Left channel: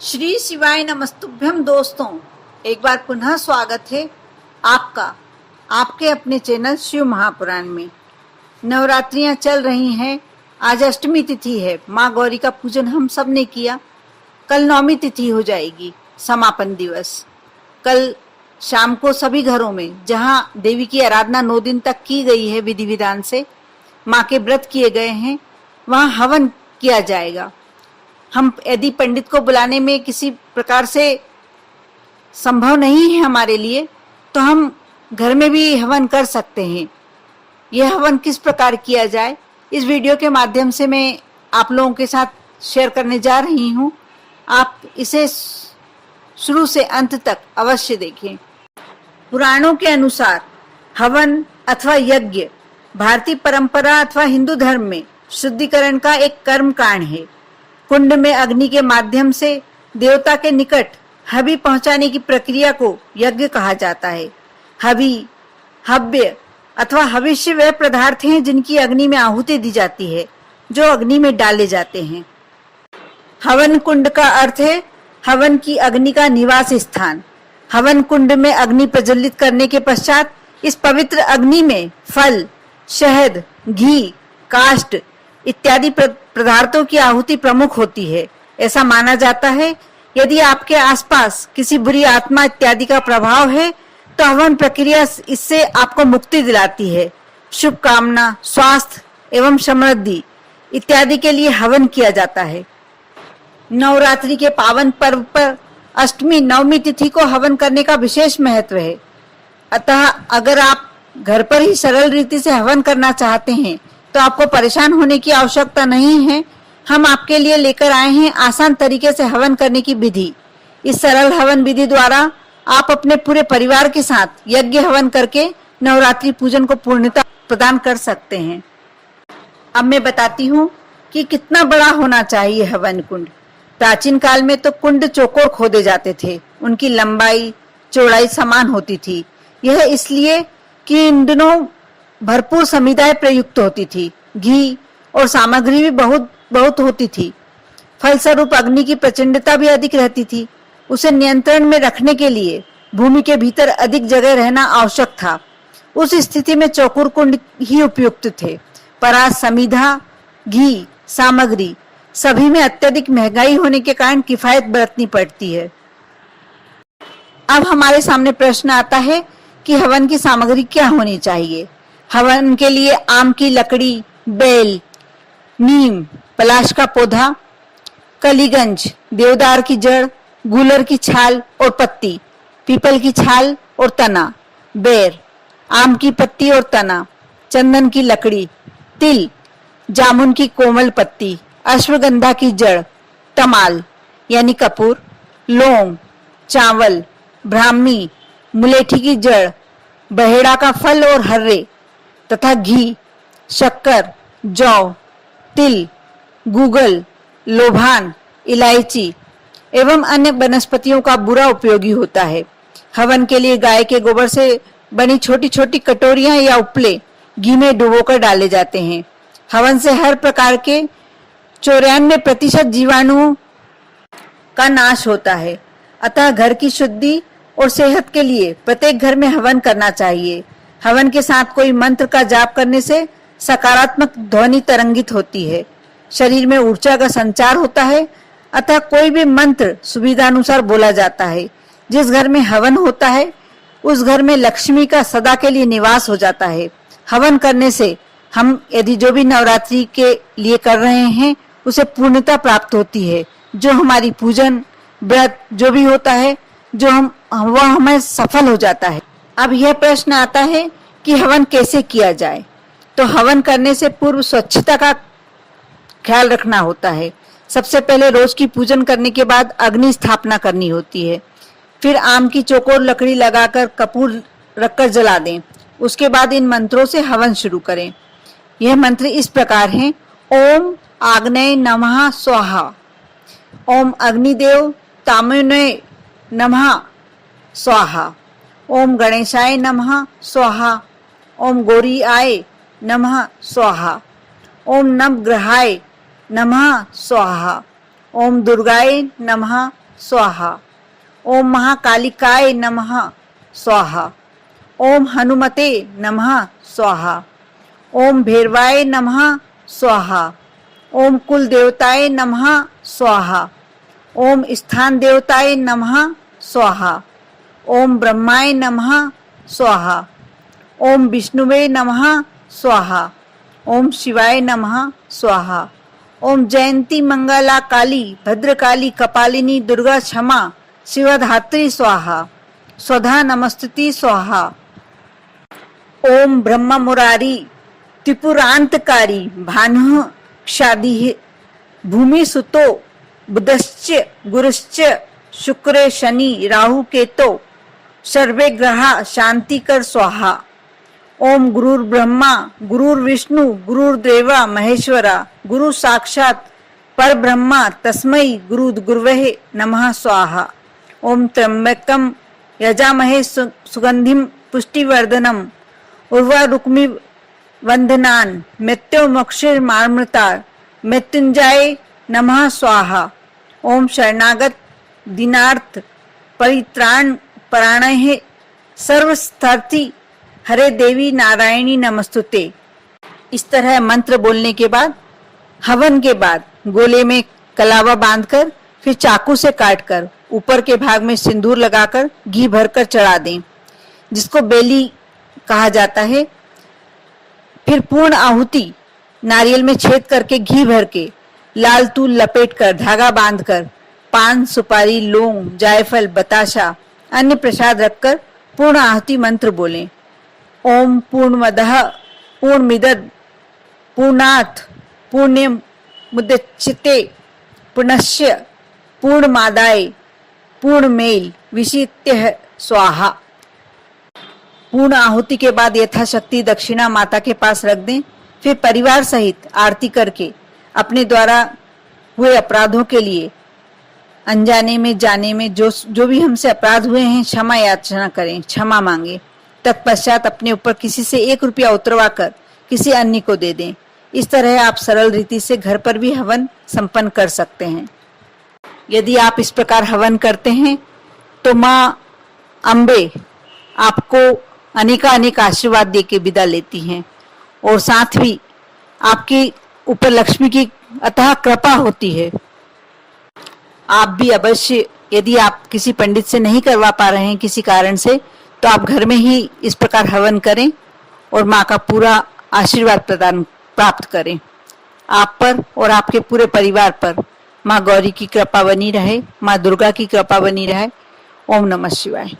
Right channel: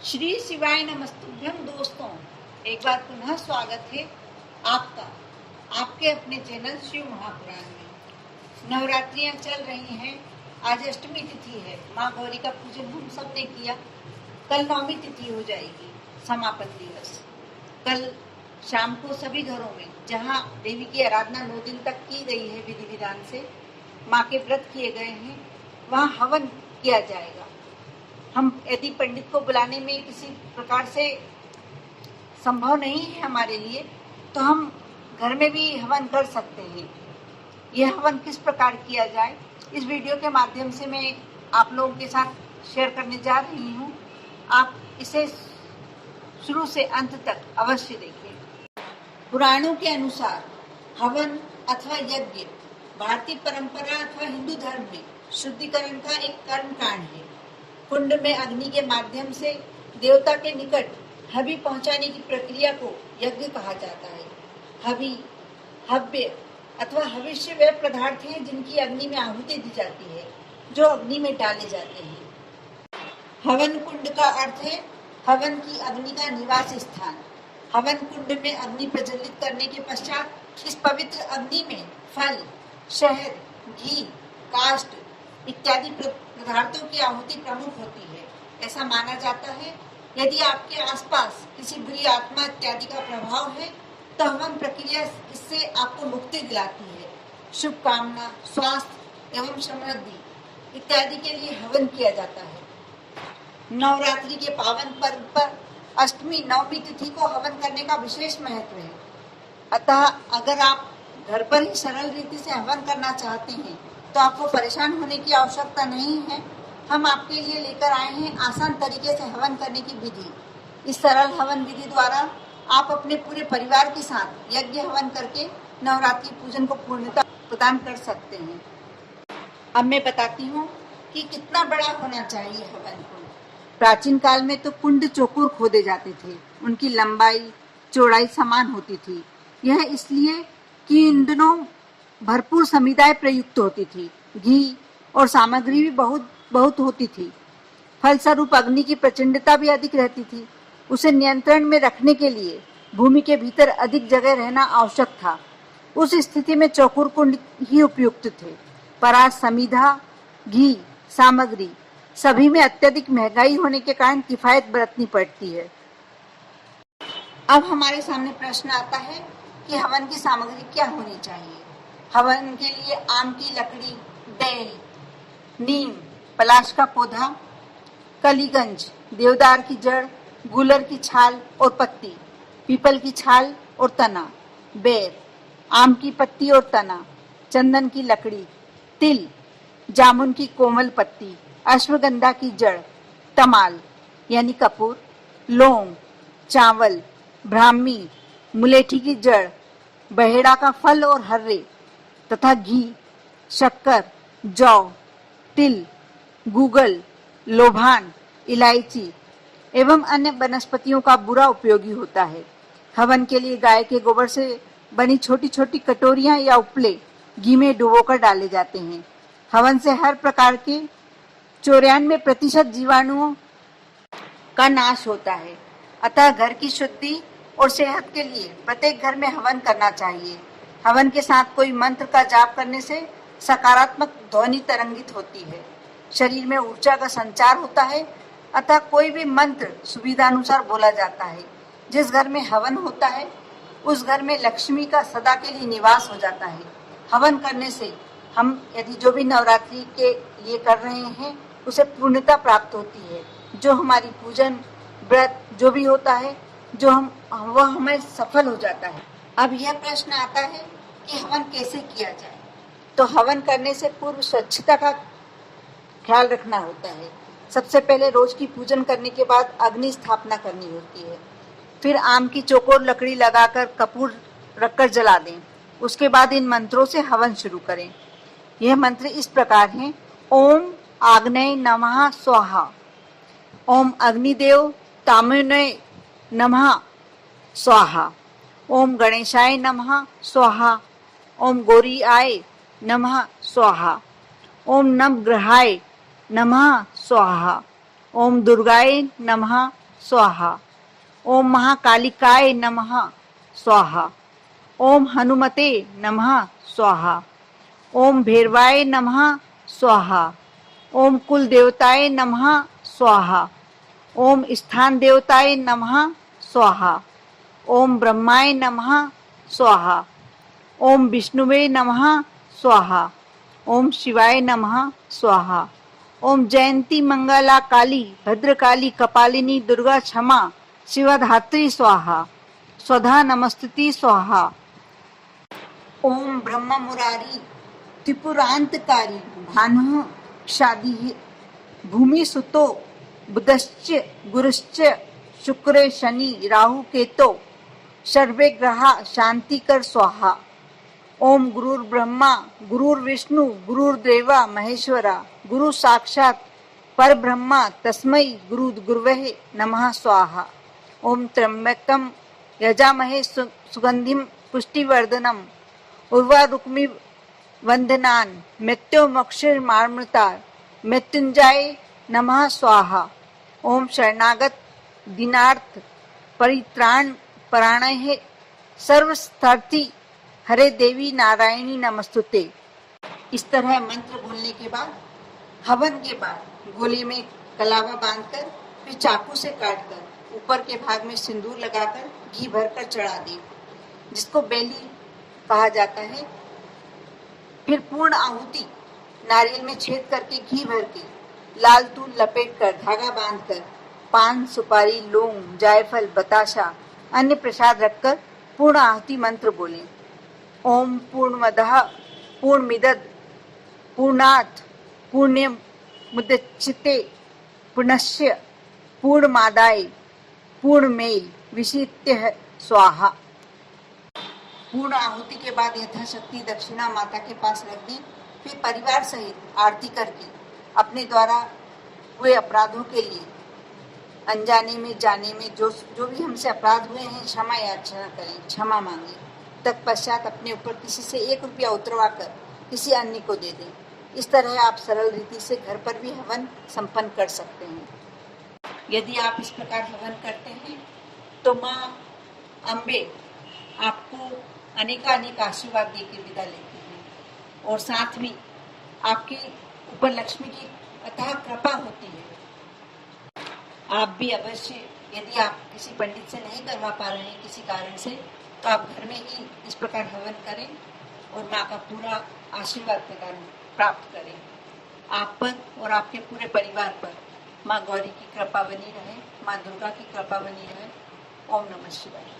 श्री शिवाय नमस्तुभ्यम दोस्तों, एक बार पुनः स्वागत है आपका आपके अपने चैनल शिव महापुराण में। नवरात्रियां चल रही हैं। आज अष्टमी तिथि है। माँ गौरी का पूजन हम सब ने किया। कल नवमी तिथि हो जाएगी, समापन दिवस। कल शाम को सभी घरों में जहाँ देवी की आराधना 9 दिन तक की गई है, विधि विधान से माँ के व्रत किए गए हैं, वहाँ हवन किया जाएगा। हम यदि पंडित को बुलाने में किसी प्रकार से संभव नहीं है हमारे लिए, तो हम घर में भी हवन कर सकते हैं। यह हवन किस प्रकार किया जाए, इस वीडियो के माध्यम से मैं आप लोगों के साथ शेयर करने जा रही हूँ। आप इसे शुरू से अंत तक अवश्य देखें। पुराणों के अनुसार हवन अथवा यज्ञ भारतीय परंपरा अथवा हिंदू धर्म में शुद्धिकरण का एक कर्म कांड है। कुंड में अग्नि के माध्यम से देवता के निकट हवि पहुंचाने की प्रक्रिया को यज्ञ कहा जाता है। हवि, हव्य अथवा हविष्य वे पदार्थ हैं जिनकी अग्नि में आहुति दी जाती है, जो अग्नि में डाले जाते हैं। हवन कुंड का अर्थ है हवन की अग्नि का निवास स्थान। हवन कुंड में अग्नि प्रज्वलित करने के पश्चात इस पवित्र अग्नि में फल, शहद, घी, काष्ठ इत्यादि पदार्थों की आहुति प्रमुख होती है। ऐसा माना जाता है यदि आपके आसपास किसी बुरी आत्मा इत्यादि का प्रभाव है तो हवन प्रक्रिया इससे आपको मुक्ति दिलाती है। शुभ कामना, स्वास्थ्य एवं समृद्धि इत्यादि के लिए हवन किया जाता है। नवरात्रि के पावन पर्व पर अष्टमी नवमी तिथि को हवन करने का विशेष महत्व है। अतः अगर आप घर पर ही सरल रीति से हवन करना चाहते हैं तो आपको परेशान होने की आवश्यकता नहीं है। हम आपके लिए लेकर आए हैं आसान तरीके से हवन करने की विधि। इस सरल हवन विधि द्वारा आप अपने पूरे परिवार के साथ यज्ञ हवन करके नवरात्रि पूजन को पूर्णता प्रदान कर सकते हैं। अब मैं बताती हूँ कि कितना बड़ा होना चाहिए हवन कुंड। प्राचीन काल में तो कुंड चौकोर खोदे जाते थे। उनकी लंबाई चौड़ाई समान होती थी। यह इसलिए कि इन दिनों भरपूर समिधाएं प्रयुक्त होती थी। घी और सामग्री भी बहुत होती थी। फलस्वरूप अग्नि की प्रचंडता भी अधिक रहती थी। उसे नियंत्रण में रखने के लिए भूमि के भीतर अधिक जगह रहना आवश्यक था। उस स्थिति में चौकोर कुंड ही उपयुक्त थे। पर आज समिधा, घी, सामग्री सभी में अत्यधिक महंगाई होने के कारण किफायत बरतनी पड़ती है। अब हमारे सामने प्रश्न आता है कि हवन की सामग्री क्या होनी चाहिए। हवन के लिए आम की लकड़ी, बेल, नीम, पलाश का पौधा, कलीगंज, देवदार की जड़, गूलर की छाल और पत्ती, पीपल की छाल और तना, बेर, आम की पत्ती और तना, चंदन की लकड़ी, तिल, जामुन की कोमल पत्ती, अश्वगंधा की जड़, तमाल यानी कपूर, लौंग, चावल, ब्राह्मी, मुलेठी की जड़, बहेड़ा का फल और हर्रे तथा घी, शक्कर, जौ, तिल, गूगल, लोभान, इलायची एवं अन्य वनस्पतियों का बुरा उपयोगी होता है। हवन के लिए गाय के गोबर से बनी छोटी छोटी कटोरियां या उपले घी में डुबोकर डाले जाते हैं। हवन से हर प्रकार के 94% जीवाणुओं का नाश होता है। अतः घर की शुद्धि और सेहत के लिए प्रत्येक घर में हवन करना चाहिए। हवन के साथ कोई मंत्र का जाप करने से सकारात्मक ध्वनि तरंगित होती है, शरीर में ऊर्जा का संचार होता है। अतः कोई भी मंत्र सुविधानुसार बोला जाता है। जिस घर में हवन होता है उस घर में लक्ष्मी का सदा के लिए निवास हो जाता है। हवन करने से हम यदि जो भी नवरात्रि के लिए कर रहे हैं उसे पूर्णता प्राप्त होती है। जो हमारी पूजन व्रत जो भी होता है वह हमें सफल हो जाता है। अब यह प्रश्न आता है कि हवन कैसे किया जाए। तो हवन करने से पूर्व स्वच्छता का ख्याल रखना होता है। सबसे पहले रोज की पूजन करने के बाद अग्नि स्थापना करनी होती है। फिर आम की चौकोर लकड़ी लगाकर कपूर रखकर जला दें। उसके बाद इन मंत्रों से हवन शुरू करें। यह मंत्र इस प्रकार हैं: ओम आग्नेय नमः स्वाहा, ओम अग्निदेव तामुने नमः स्वाहा, ओम गणेशाय नमः स्वाहा, ओम गौरीआय नमः स्वाहा, ओम नवग्रहाय नमः स्वाहा, ओम दुर्गाय नमः स्वाहा। ओम महाकालिकाय नमः स्वाहा। ओम हनुमते नमः स्वाहा। ओम भैरवाय नमः स्वाहा। ओम कुल देवताय नमः स्वाहा। ओम स्थान देवताय नमः स्वाहा। ओम ब्रह्माय नमः स्वाहा। ओम विष्णुवे नमः स्वाहा। ओम शिवाय नमः स्वाहा। ओम जयंती मंगला काली भद्रकाली कपालिनी दुर्गा क्षमा शिवधात्री स्वाहा। स्वधा नमस्तुति स्वाहा। ओम ब्रह्म मुरारी त्रिपुरांतकारी भानु क्षादि भूमि सुतो बुधश्च गुरुश्च शुक्र शनि राहु केतो सर्वे ग्रहा शांतिकर स्वाहा। ओम गुरुर ब्रह्मा गुरुर विष्णु गुरुर्देवा महेश्वरा गुरु साक्षात पर ब्रह्मा तस्मै गुरुर्गुरवे नमः स्वाहा। ओम त्र्यंबकम यजामहे सुगंधिम पुष्टिवर्धनम उर्वारुक्मि वंदनान मृत्यो मोक्षिर मामृता मृत्युंजय नमः स्वाहा। ओम शरणागत दीनार्थ परित्राण परायणे सर्वस्थर्थी हरे देवी नारायणी नमस्तुते। इस तरह मंत्र बोलने के बाद हवन के बाद गोले में कलावा बांधकर फिर चाकू से काटकर ऊपर के भाग में सिंदूर लगाकर घी भरकर चढ़ा दें, जिसको बेली कहा जाता है। फिर पूर्ण आहुति नारियल में छेद करके घी भर के लाल तूल लपेटकर धागा बांधकर पान सुपारी लौंग जायफल बताशा अन्य प्रसाद रखकर पूर्ण आहुति मंत्र बोलें। ओम पूर्णमदः पूर्णमिदं पूर्णात् पूर्णमुदच्यते पूर्णस्य पूर्णमादाय पूर्णमेव विशित्यः स्वाहा। पूर्ण आहुति के बाद यथाशक्ति दक्षिणा माता के पास रख दें। फिर परिवार सहित आरती करके अपने द्वारा हुए अपराधों के लिए अनजाने में जाने में जो भी हमसे अपराध हुए हैं क्षमा याचना करें, क्षमा मांगे। तत्पश्चात अपने ऊपर किसी से 1 रुपया उतरवा कर किसी अन्य को दे दें। इस तरह आप सरल रीति से घर पर भी हवन संपन्न कर सकते हैं। यदि आप इस प्रकार हवन करते हैं तो माँ अम्बे आपको अनेक आशीर्वाद दे के विदा लेती हैं और साथ भी आपके ऊपर लक्ष्मी की अतः कृपा होती है। आप भी अवश्य, यदि आप किसी पंडित से नहीं करवा पा रहे हैं किसी कारण से, तो आप घर में ही इस प्रकार हवन करें और माँ का पूरा आशीर्वाद प्राप्त करें। आप पर और आपके पूरे परिवार पर माँ गौरी की कृपा बनी रहे, माँ दुर्गा की कृपा बनी रहे। ओम नमः शिवाय।